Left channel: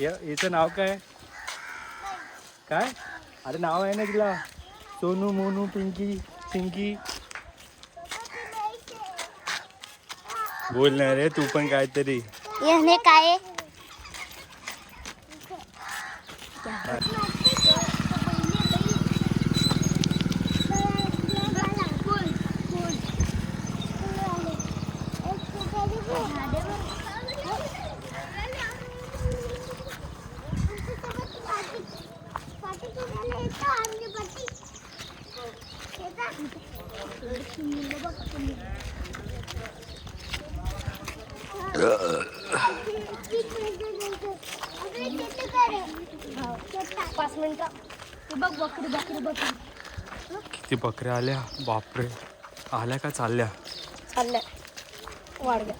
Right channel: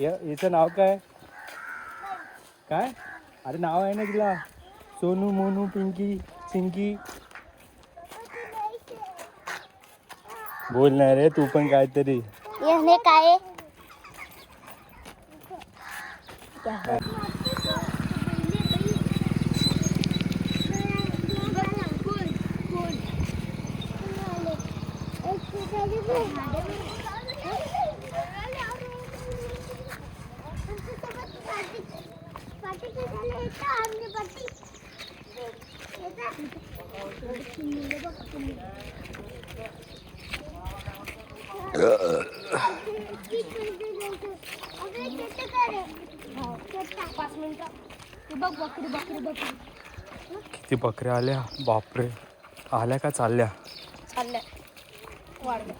याचं नाव काय? काय अरे नाव आहे ना तिला, सोनू मोनू पिंकी चिंकी. बोल ना रे तू पण काहीतरी. याने काय किती बकऱ्या आल्या बापरे. आल्या का चालल्या? चालल्या वाढल्या.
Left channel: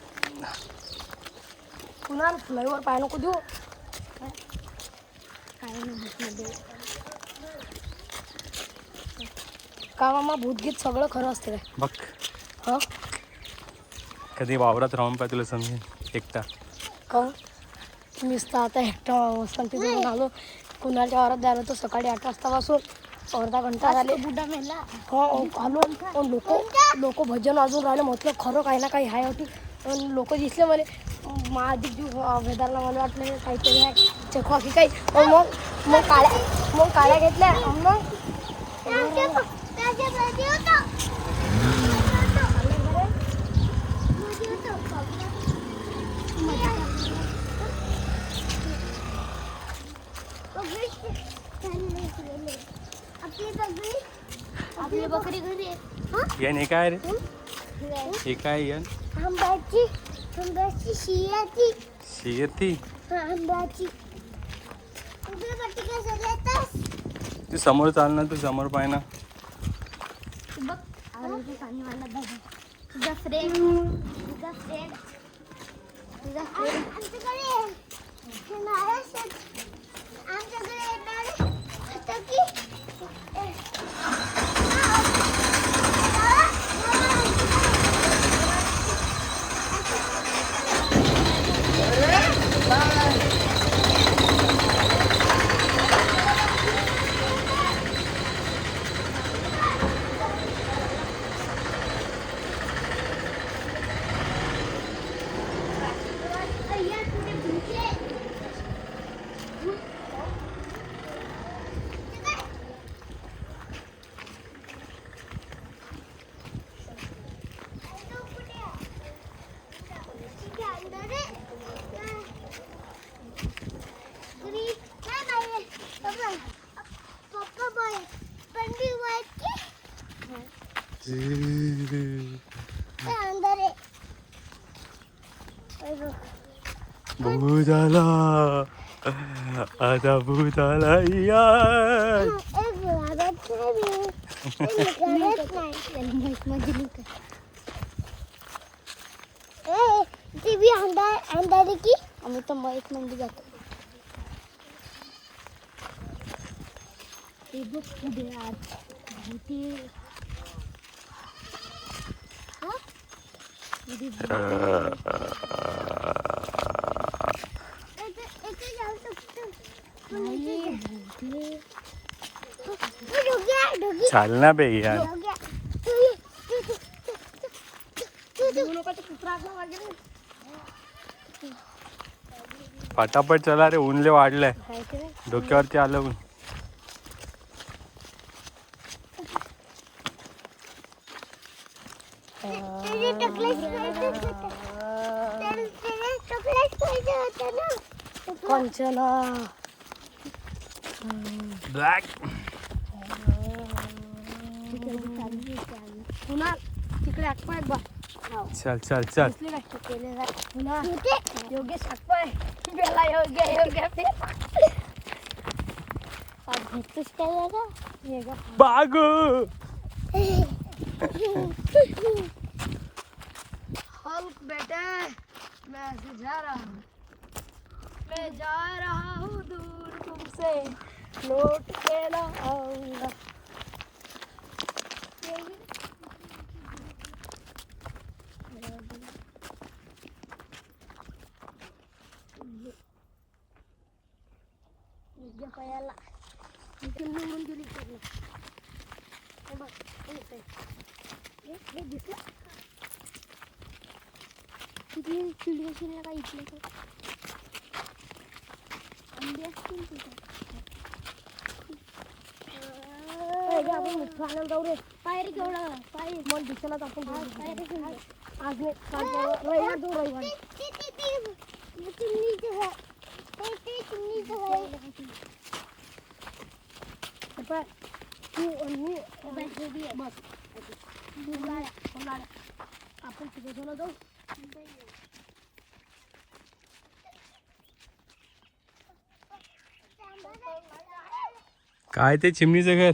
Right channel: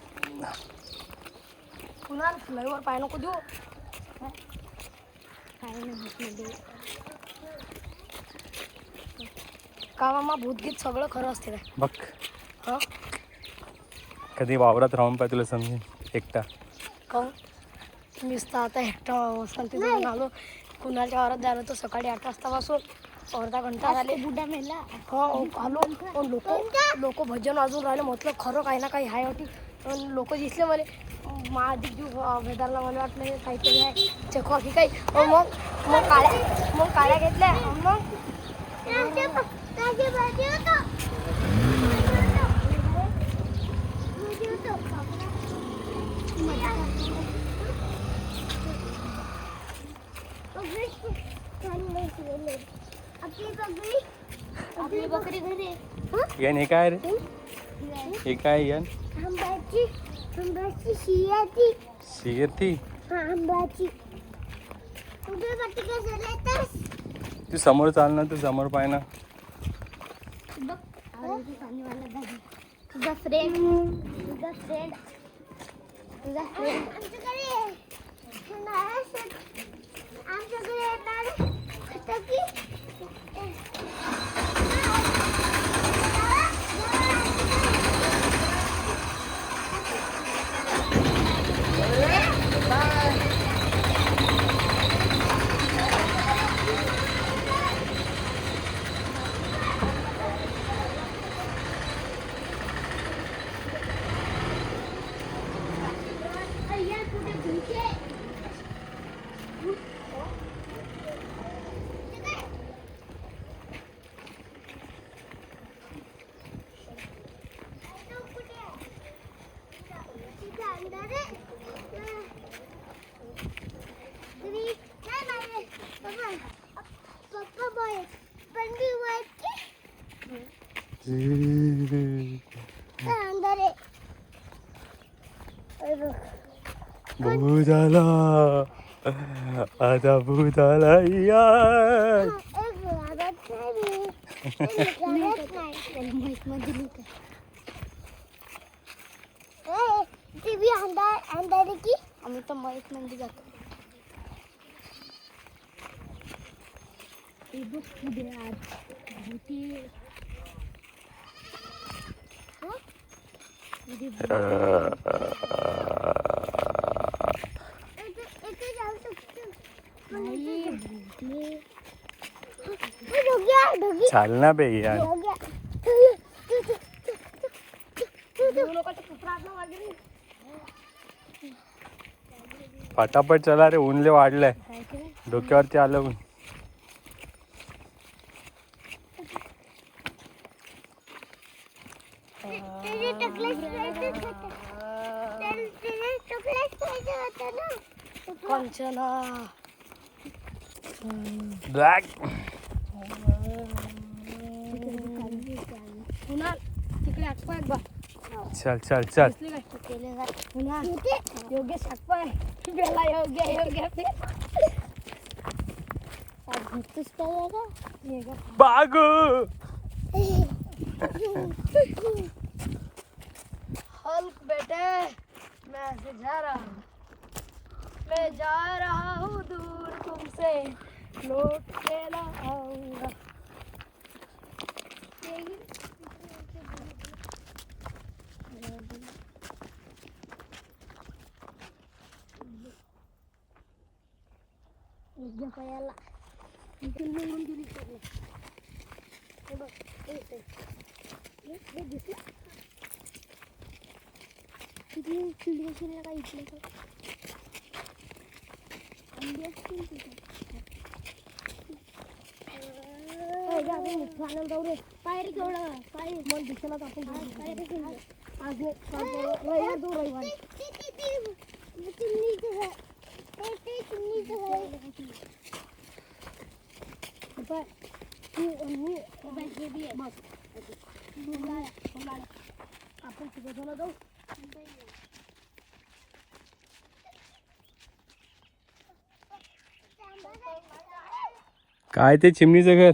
पुन्हा फ्लायवर पाय नको देऊ. का मामा भूतगीत सगळं खरं असते काय बघ. हो कधी वावरात राहून पाय तुला समजेल एकटा. हो मीच तर आता एकटा वसंती जाऊन आलो. कुणाच्या वावरात जायला तर सकाळी 8 वाजतापासून अर्धा घंटा झाले. बुडा मेला हो आलो. लोक भजन वाजून राहिले. म्हटलं खरं काही ना काही आहे होती. पण लोक दिसले मला महाधिक वेदाला. मला वाटलं काहीतरी आहे चेकवा की काही. मग काळ्या घेतल्या. आपली बकरी घरी यन हे काय रे? हे काय यन? आंब्याची शियाची शिर थी आंब्याची. ते समोर चालणार तू समोर पाय ना. तुझा फ्रेंड आमच्याकडे येणार आता की भूताला आता भूताला यार. अंधारे की आम्ही तर माहीत म्हणजे जातो. पुढे आज चाल ना बे यार. पटापट चला रे. ऊनले वाढलंय डोक्यावरती आलं ऊन. कंचना ब्लॅक. पुन्हा तिकडे आकपाय बा. चल चल चल. पुन्हा योगेश आकपाय बेला योग्य घेतोस काय का बागो. हल्क बेटे मैं जा रहा हूँ दूर तुमसे लौट के ना आऊंगा. पायाला इथून निघून गेली पूर्ण. हे बघ हे दिसलं किती चिडी असेल का इथले अंडी असतील तिथे. आपण मिठू आणायला जाऊ रे. पायरी केवढा पायरी मग दिसायला आपण आज रविवार जाऊ रविवार. आपण तिघं जाऊ. काय ते चिमणीचं घर?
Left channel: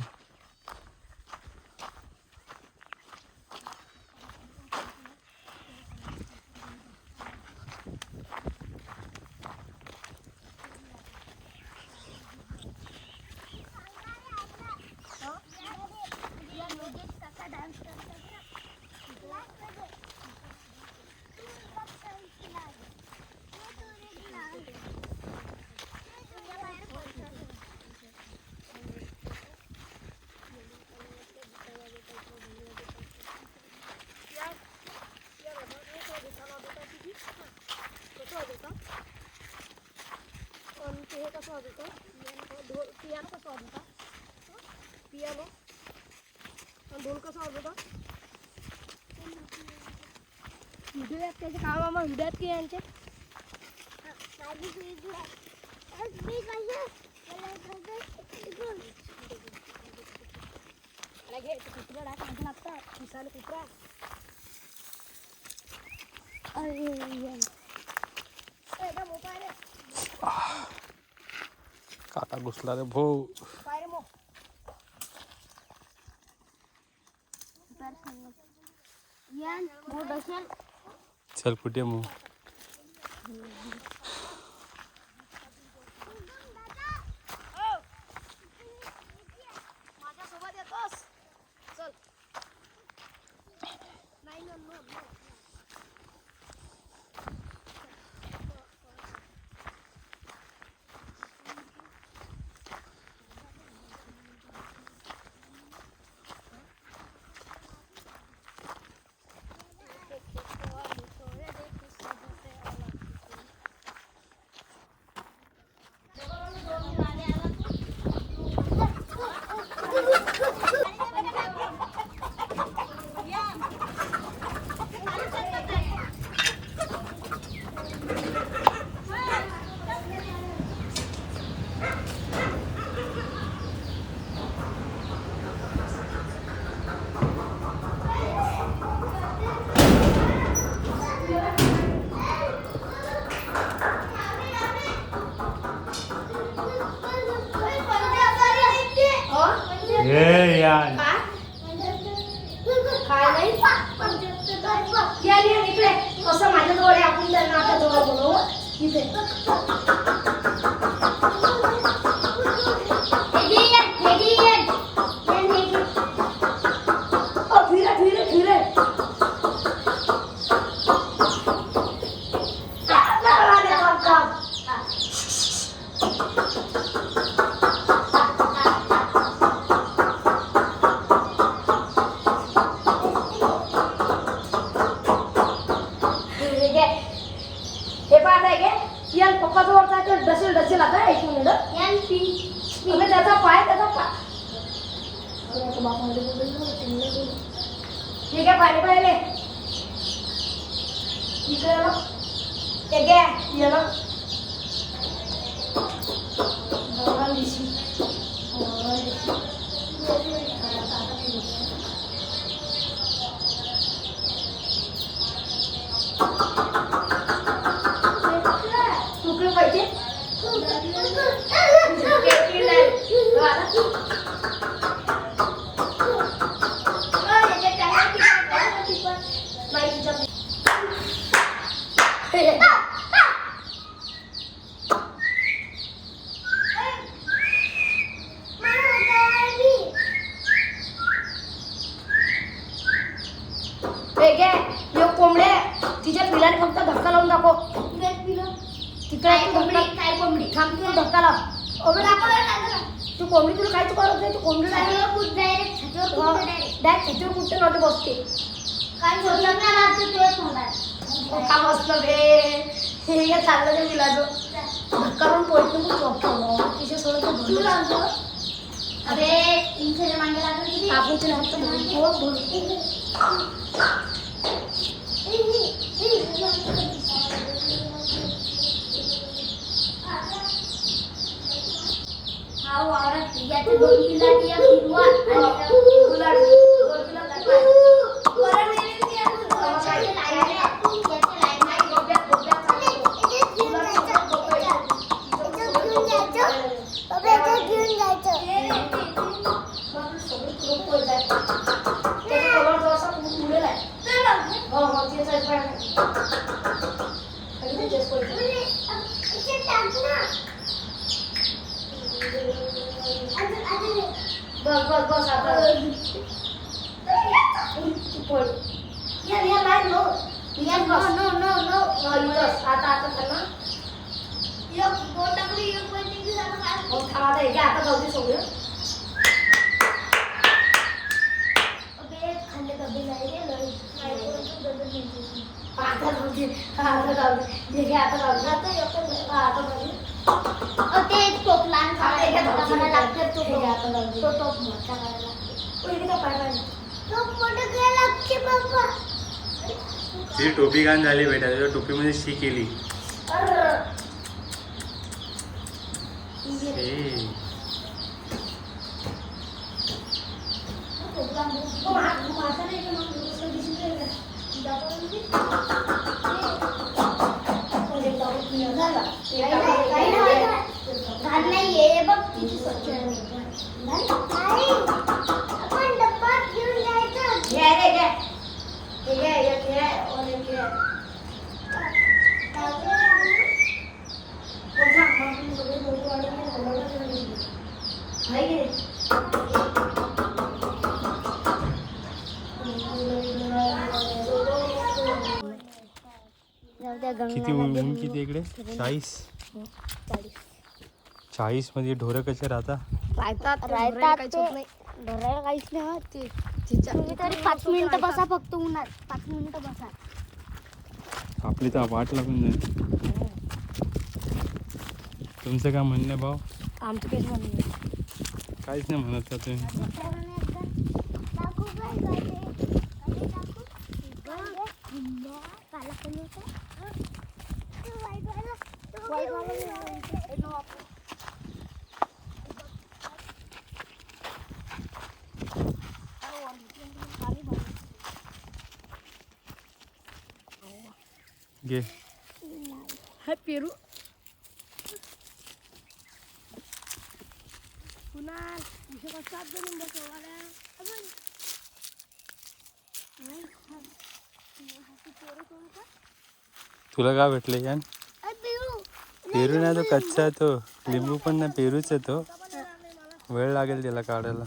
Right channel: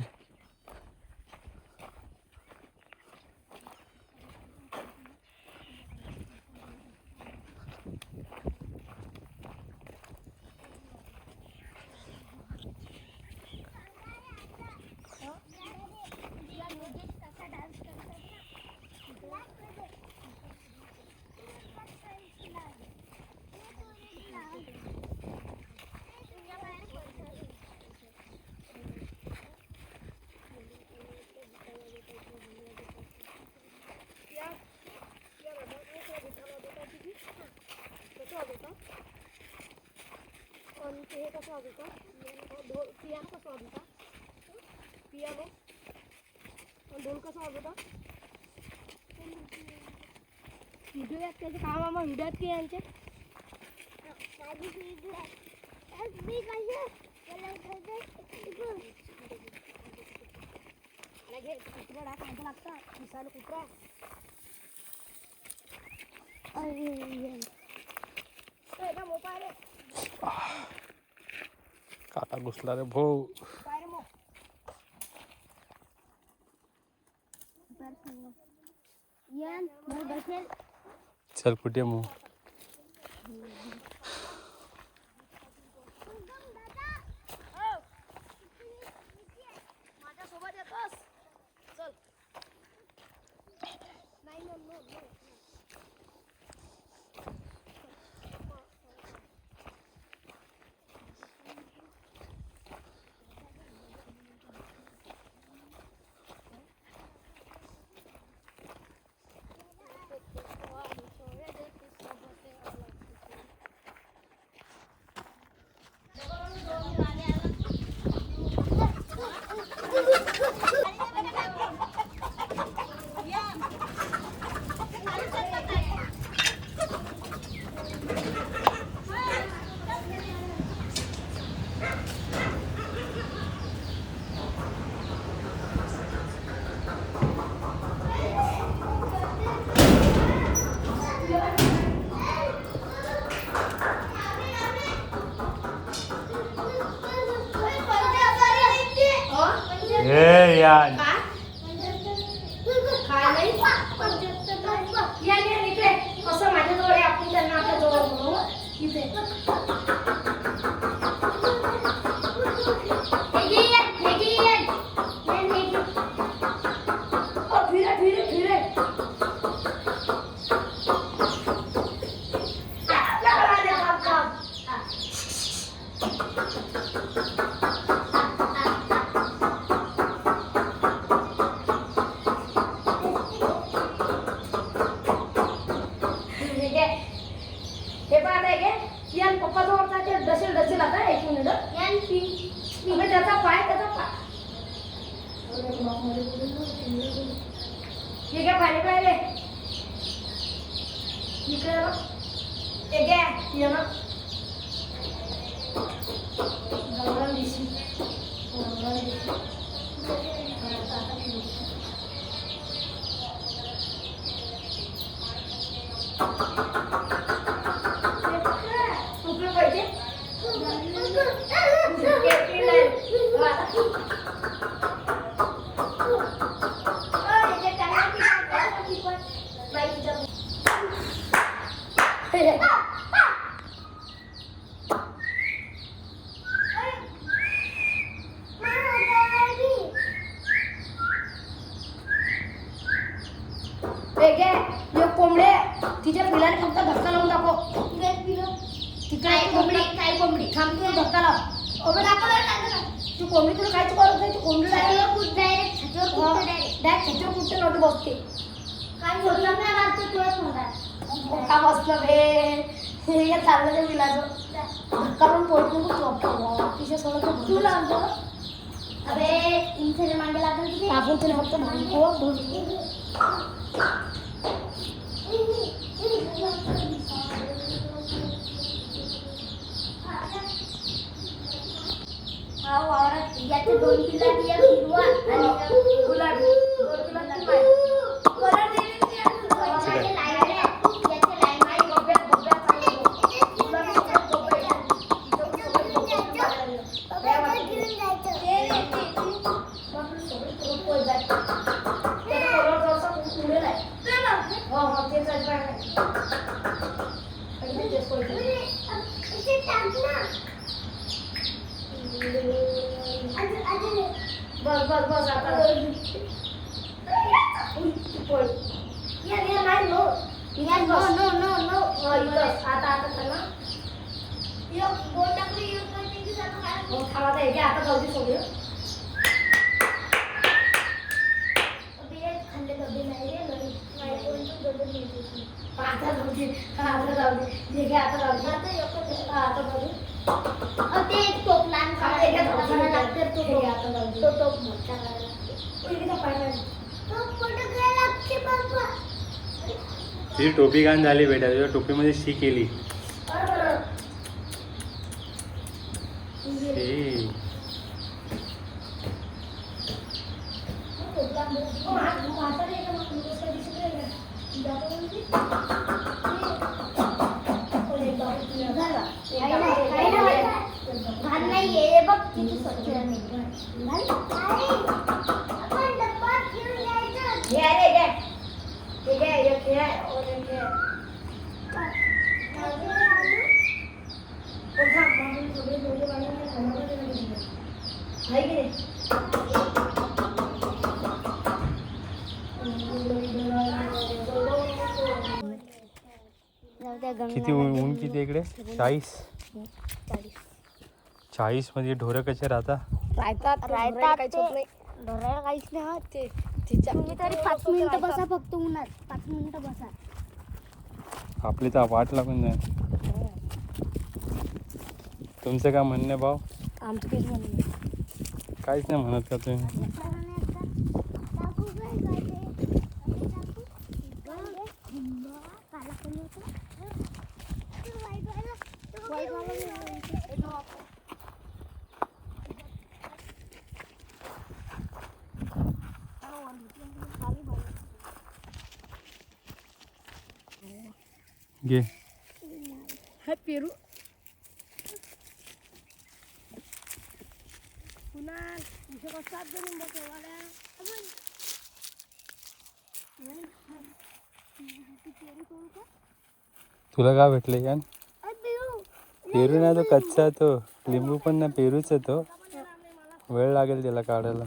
ढोल कसा वाजवता? व्हिडिओ त्याचे काम व्हिडिओ की यांचे कुत्रा लागतात दिसायला कुत्रा. मोबाईल काटा घुसला रे भाऊ. चल कुठे मग माझ्यासोबत येतोस? चल. नाही ना यार कसं माझ्याजवळ आपण त्यांना आता जवळ बोलवू इथे. पप्पा जवळ डसेल डसेल आता एक मिनिट. त्याचा पाय ठीक आहे पाहिजे पाहिजे इकडे एक आहे भगवान दिशी तुकडे पाहिजे कोंबडे तिच्या पिलाने फक्त धक्का लावून दाखव. तिकडे कोंबडी काय कोंबडी थांब तू धक्का लाव. तू कोंबडी तुला काहीच करत नाही. तू कोंबडी डायरेक्ट छातीवर कुठे नव्हते बसते. काय बोललं ना राहते तुझ्या तोंडात का बसलं बे. हे काय चाललं ते मुलाचं धक्का पण पडतो तिच्या सोबत तू लागतो. अरे इंचे मागे लागलं आपण तिला फक्त भरून हा वावरात याचे 2 किल्ला दिया हिरवा आणि गुलाब 2 किल्ला लागला. परत नाही याचे लाईन नाही गोब्या चालू गुलाब सोबत गोब्या घेऊन जायचं ते मग सोबत रोप जायचं ते कलर जसा पुढे आहे. हो हो ते साइड पाहिजे आणि ते सोडलं टाक ना. बस आता आता त्यांना आता जाऊ दे सगळं. खाल्ले डबे नाही आता जाऊ दे. आता जाऊ दे. आता जाऊ दे. आता जाऊ दे. ते टोप लहान खायला लागते. तो टोप मोठा करायला ती टोपी घाण झाली बेटा. तुझ्या टोपीमध्ये शी केली. घाल नाही ये बघ तिची स्वच्छ किती ऊन किती इकडे 40 मध्ये ढोरं कसे राहतात राहतात धरायला काहीच नाही. हा ते तुम्ही तरी 5 मिनिटं बसा फक्त उन्हात. 5 मिनिटं बसा. आपली तर वाट लागून जाईल. तुमचं काय म्हणणं आहे भाऊ? आमचं काहीच म्हणणं नाही. काहीच नाही म्हणत का तुम्ही? घे पेरू पुन्हा कशात बनून बसवाल्या. तुला काय भेटले यान? पेरू नाही तो कच्चा आहे. तो लिंबू पण नाही पेरूच आहे तो. वेळ लागेल त्याला काढायला.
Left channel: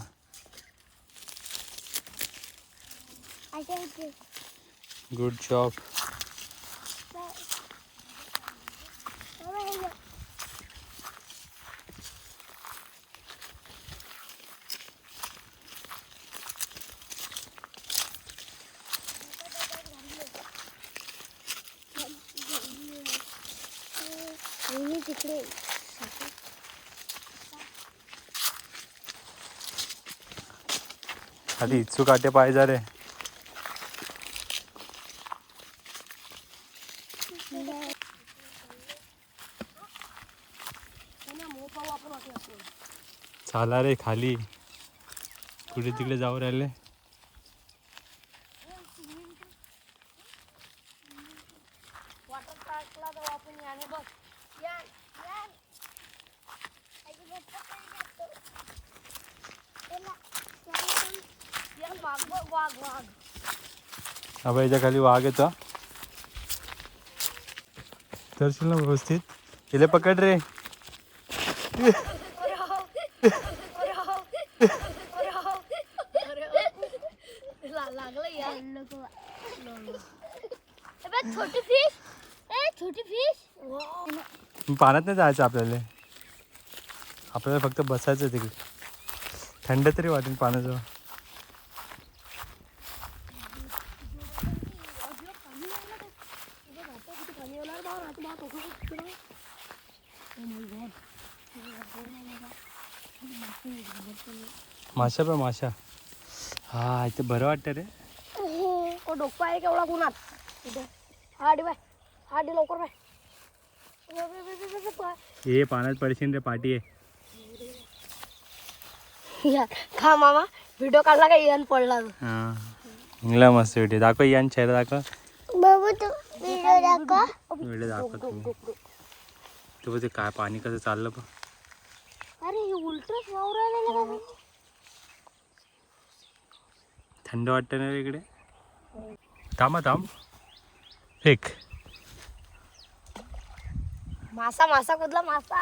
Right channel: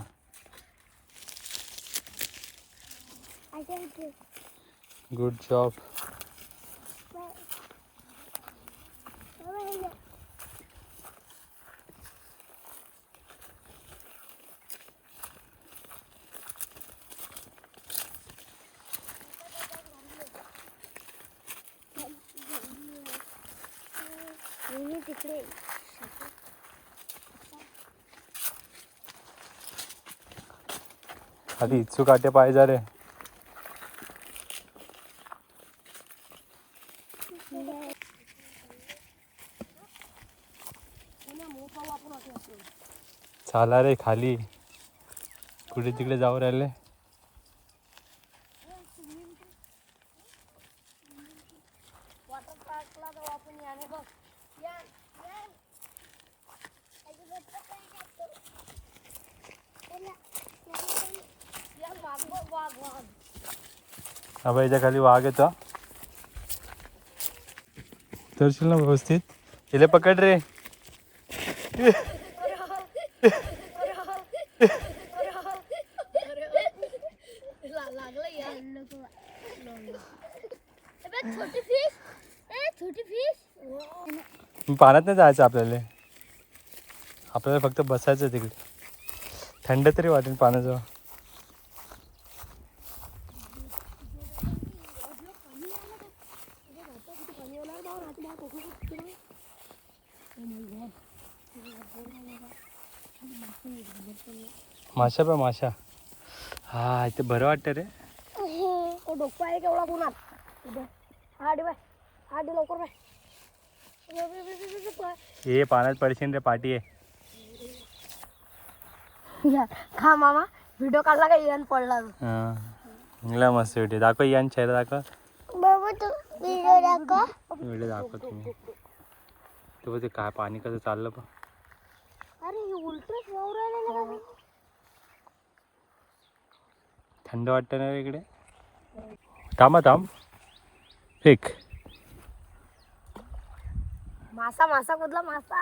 Good job. आधी इच्छू काटे पाहिजे रे. चाला रे खाली. कुठे तिकडे जाऊ राहिले. वॉटर पार्कला जाऊ आपण. याने बघ वाघ. हा याच्या खाली वाघ येतो. तरशील ना व्यवस्थित. तिला पकड रे. छोटी फिश पाण्यात नाही जायचं आपल्याला. आपल्याला फक्त बसायचं तिकडे, थंड तरी वाटेल पाण्याजवळ. माशा बा माशा. हा इथे बरं वाटतं रे. डोकं आहे केवढा कुणात इथे. हा दे बाय, हा दे लवकर बाय. हे पाण्यात पडशील रे, पाठी आहे. खा मामा, व्हिडिओ काढला का येऊन पडला. हा इंगला मस्त व्हिडिओ दाखव, यान चेहरा दाखव. व्हिडिओ दाखव तुम्ही. तू बघ ते काय पाणी कसं चाललं बघ. अरे उलटच वावरायला. थंड वाटतं ना रे इकडे. थांबा थांब, फेक. मासा मासा कुठला मासा.